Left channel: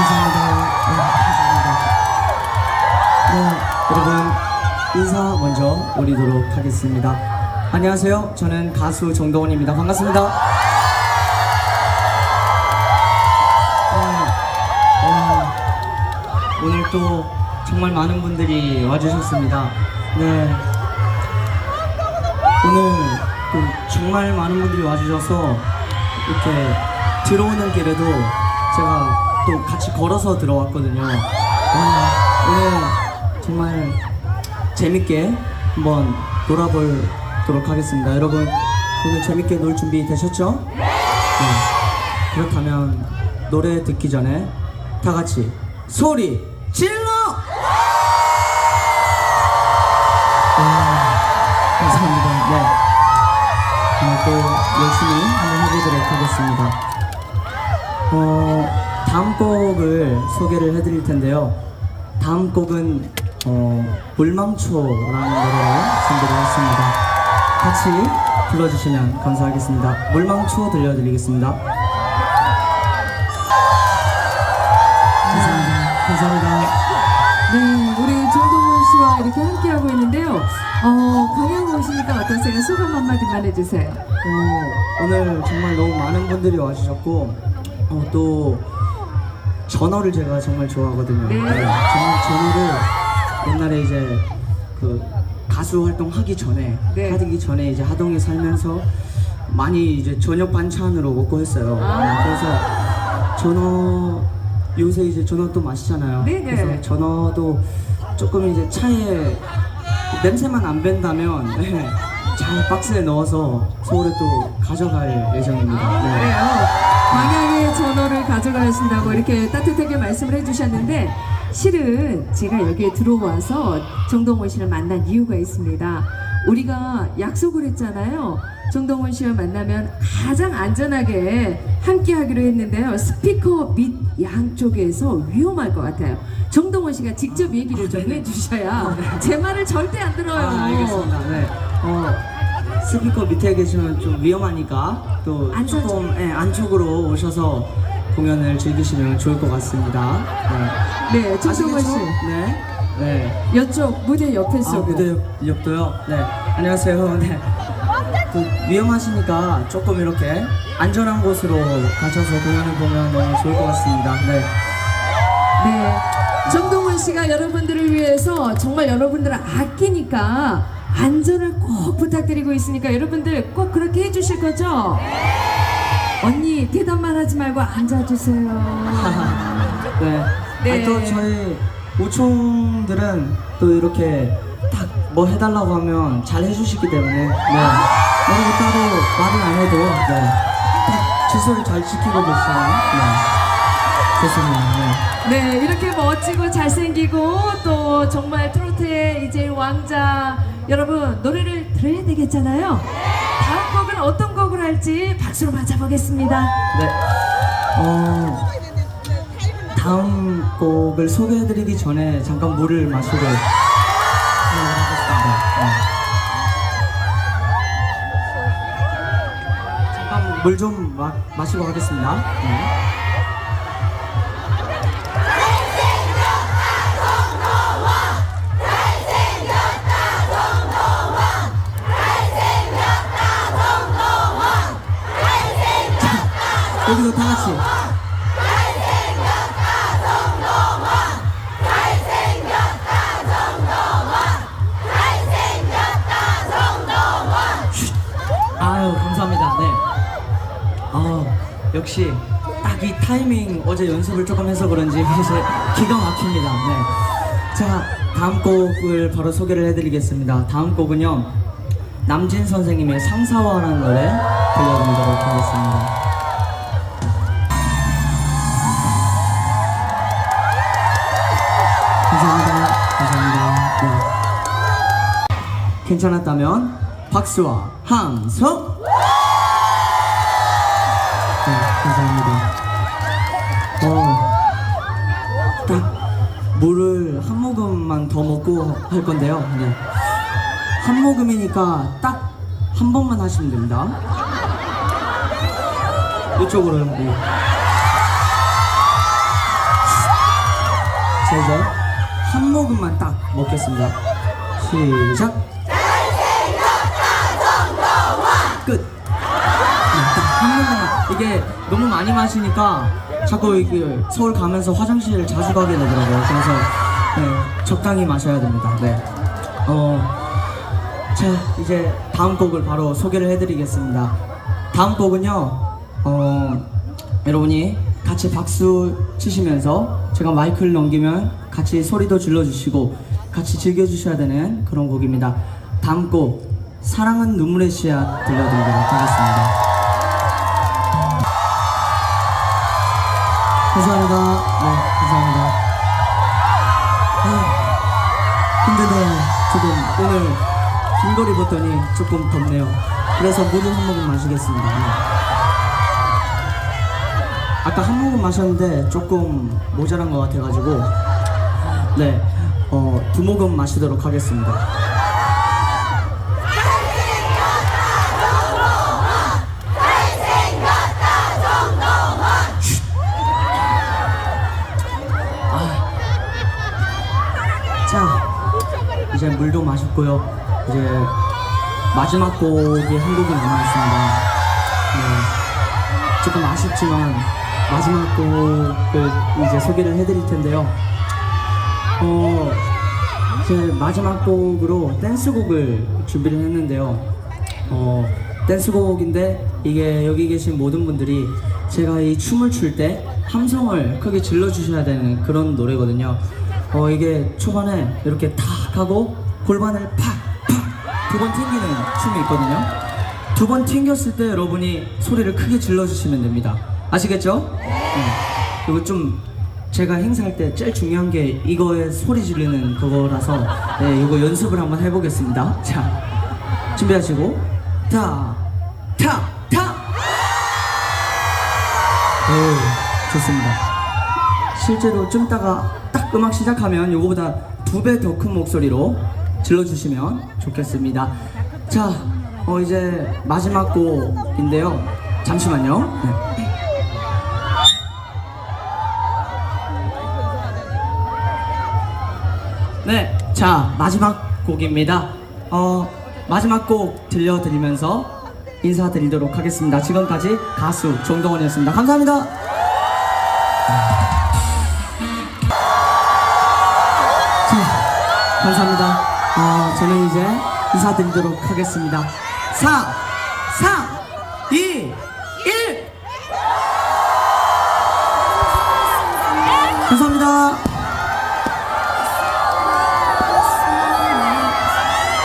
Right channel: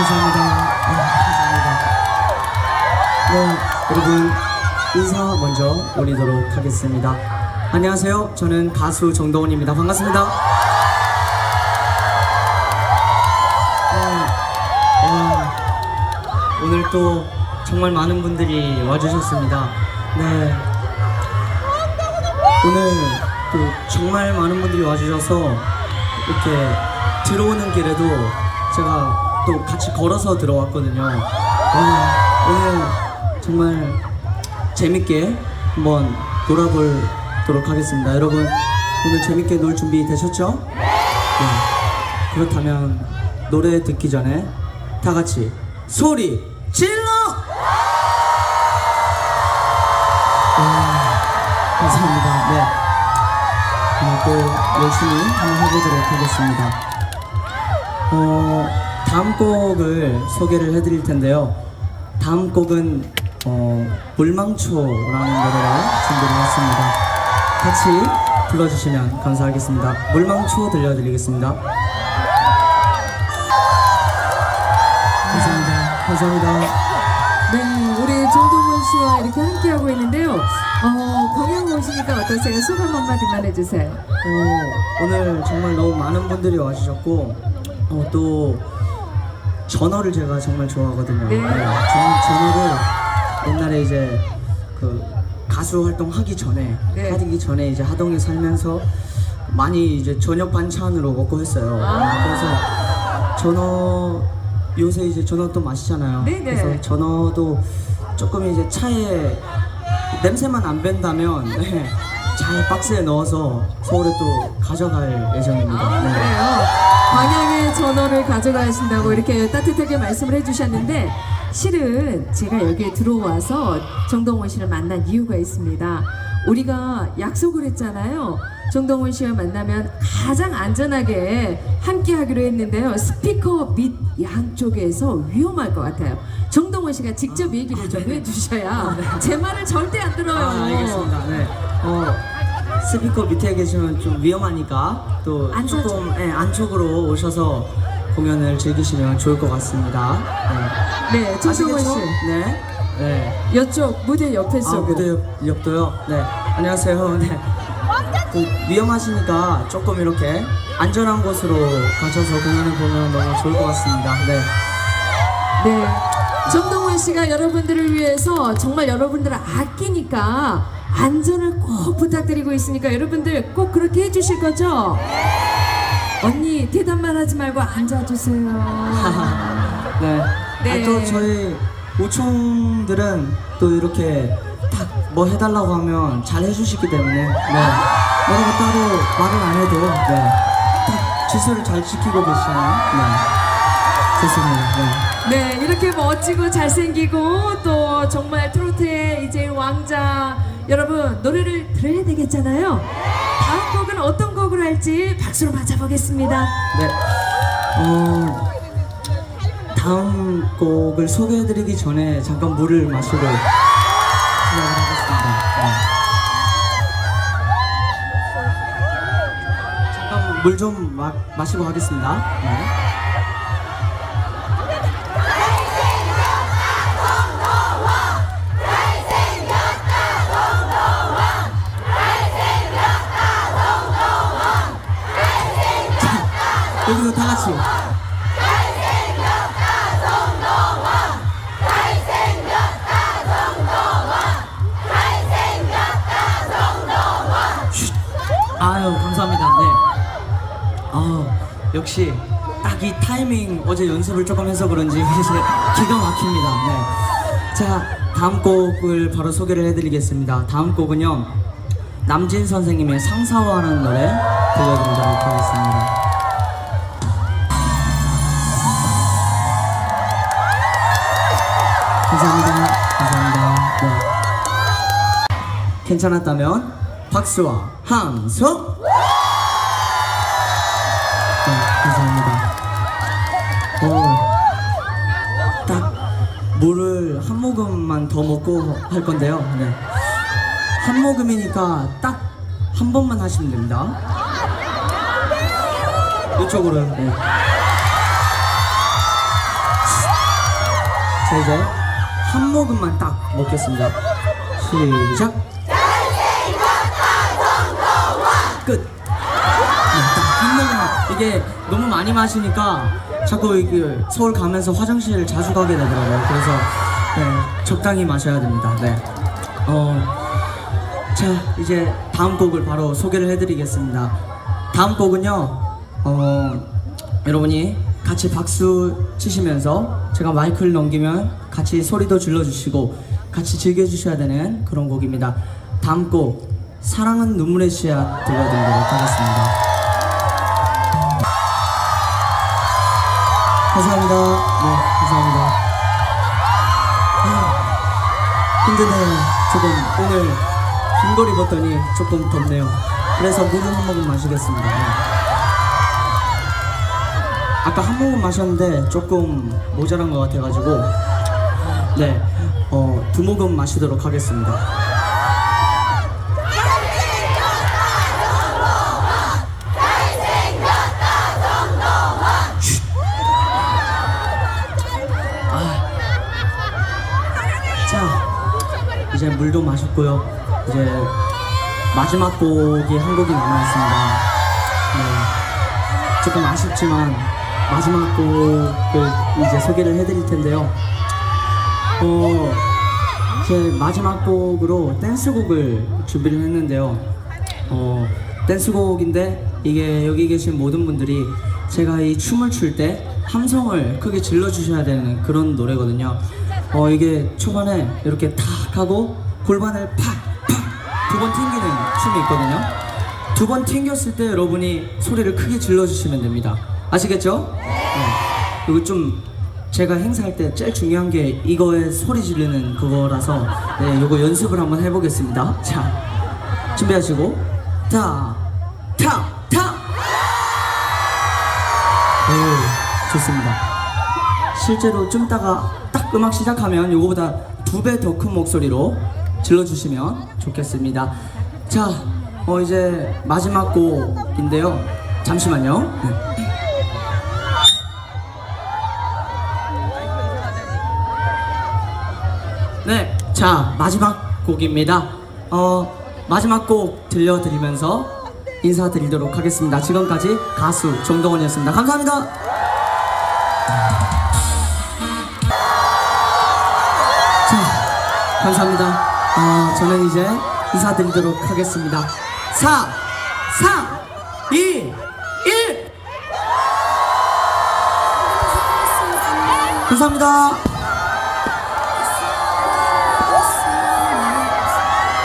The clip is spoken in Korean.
감사합니다. 네, 감사합니다. 네, 여러분 인사 먼저 올리도록 하겠습니다. 안녕하세요. 저는 가수 정도훈입니다. 반갑습니다. 네, 와, 오늘 또 정말 많은 분들이 와주셨습니다. 네. 오늘 또 정말 많은 분들이 와주셔서 이렇게 들어오는 길에도 제가 또 같이 걸어서 들어왔거든요. 아, 오늘 정말 재밌게 한번 놀아보도록 하겠습니다. 여러분 오늘 재밌게 놀 준비 되셨죠? 네. 그렇다면 노래 듣기 전에 다 같이 소리 질러! 와, 감사합니다. 네. 또 열심히 한번 해보도록 하겠습니다. 어, 다음 곡을 소개를 해드릴 텐데요. 다음 곡은 어, 물망초라는 노래를 준비를 했습니다. 같이 불러주시면 감사하겠습니다. 물망초 들려드리겠습니다. 감사합니다. 감사합니다. 네, 우리 정동원 씨와 이렇게 함께하고 있는데요. 어, 강영 오시니까 어떠세요? 소감 한마디만 해주세요. 어, 오늘 정말 너무 많은 분들이 와주셨고 어, 또 전어를 제가 정말 좋아하거든요. 네. 전, 전어를 옛날에 이제 그 가수 활동하기 전에 네. 하기 전에 이제 하동에 살면서 많이 이제 저녁 반찬으로 먹고 했어요. 아. 그래서 전어 요새 이제 전어 또 마시잖아요. 네네. 그래서 전어도 조금 이제 차에 냄새만 안 밴다면 네, 잘 박스에 넣어서 서울에 또 가져갈 예정입니다. 네, 네. 어, 방향의 전어를 가져가신다고 이렇게 따뜻하게 말씀을 해주셨는데 실은 제가 여기에 들어와서 정동원 씨를 만난 이유가 있습니다. 우리가 약속을 했잖아요. 정동원 씨와 만나면 가장 안전하게 함께 하기로 했는데요. 스피커 밑 양쪽에서 위험할 것 같아요. 정동원 씨가 직접 얘기를 좀 해주셔야 제 말을 절대 안 들어요. 아, 알겠습니다. 네. 어, 스피커 밑에 계시면 좀 위험하니까 또 안쪽. 조금 네, 안쪽으로 오셔서 공연을 즐기시면 좋을 것 같습니다. 네, 정동원 씨. 아시겠죠? 네. 네. 이쪽 무대 옆에 아, 서고 무대 옆, 옆도요? 네. 안녕하세요. 네. 그 위험하시니까 조금 이렇게 안전한 곳으로 가셔서 공연을 보면 너무 좋을 것 같습니다. 네. 네. 정동원 씨가 여러분들을 위해서 정말 여러분들을 아끼니까 안전을 꼭 부탁드리고 있으니까 여러분들 꼭 그렇게 해주실 거죠? 언니 대답만 하지 말고 앉아주세요. 네. 네. 아, 또 저희 우총들은 또 이렇게 딱뭐 해달라고 하면 잘 해주시기 때문에 네. 뭐라고 따로 말을 안 해도 네. 딱 질서를 잘 지키고 계시잖아요. 네. 좋습니다. 네. 네, 이렇게 멋지고 잘생기고 또 정말 트로트의 이제 왕자 여러분 노래를 들어야 되겠잖아요. 다음 곡은 어떤 곡으로 할지 박수로 맞아보겠습니다. 네. 어, 다음 곡을 소개해드리기 전에 잠깐 물을 마시고 하겠습니다. 네. 잠깐 물 좀 마시고 하겠습니다. 네. 역시 딱 이 타이밍 어제 연습을 조금 해서 그런지 이제 기가 막힙니다. 네. 자 다음 곡을 바로 소개를 해드리겠습니다. 다음 곡은요 남진 선생님의 상사화라는 노래 들려드리도록 하겠습니다. 감사합니다. 감사합니다. 네. 괜찮았다면 박수와 함성. 물을 한 모금만 더 먹고 할 건데요. 네. 한 모금이니까 딱 한 번만 하시면 됩니다. 이쪽으로. 네. 자 이제 한 모금만 딱 먹겠습니다. 시작. 끝. 네, 딱한 모금만. 이게 너무 많이 마시니까 자꾸 이게 서울 가면서 화장실 자주 가게 되더라고요. 그래서 네, 적당히 마셔야 됩니다. 네. 어. 자 이제 다음 곡을 바로 소개를 해드리겠습니다. 다음 곡은요, 어, 여러분이 같이 박수 치시면서 제가 마이크를 넘기면 같이 소리도 질러주시고 같이 즐겨주셔야 되는 그런 곡입니다. 다음 곡 사랑은 눈물의 씨앗 들려드리도록 하겠습니다. 감사합니다. 네, 힘드네요. 조금 오늘 긴 걸 입었더니 조금 덥네요. 그래서 물을 한 모금 마시겠습니다. 네. 아까 한 모금 마셨는데 조금 모자란 것 같아가지고 네, 어, 두 모금 마시도록 하겠습니다. 이제 물도 마셨고요. 이제 마지막 곡이 한 곡이 남아있습니다. 네, 조금 아쉽지만 마지막 곡을 이제 소개를 해드릴 텐데요. 어, 제 마지막 곡으로 댄스곡을 준비를 했는데요. 어, 댄스곡인데 이게 여기 계신 모든 분들이 제가 이 춤을 출 때 함성을 크게 질러주셔야 되는 그런 노래거든요. 어, 이게 초반에 이렇게 탁 하고 골반을 팍팍 두 번 튕기는 춤이 있거든요. 두 번 튕겼을 때 여러분이 소리를 크게 질러주시면 됩니다. 아시겠죠? 네. 그리고 좀 제가 행사할 때 제일 중요한 게 이거에 소리 지르는 그거라서 네, 이거 연습을 한번 해보겠습니다. 자, 준비하시고 타, 타, 타. 오, 좋습니다. 실제로 좀 따가 딱 음악 시작하면 이거보다 두 배 더 큰 목소리로 질러주시면 좋겠습니다. 자, 어, 이제 마지막 곡인데요. 잠시만요. 네. 네, 자 마지막 곡입니다. 어 마지막 곡 들려드리면서 인사드리도록 하겠습니다. 지금까지 가수 정동원이었습니다. 감사합니다. 감사합니다. 어, 저는 이제 인사드리도록 하겠습니다. 4, 3, 2,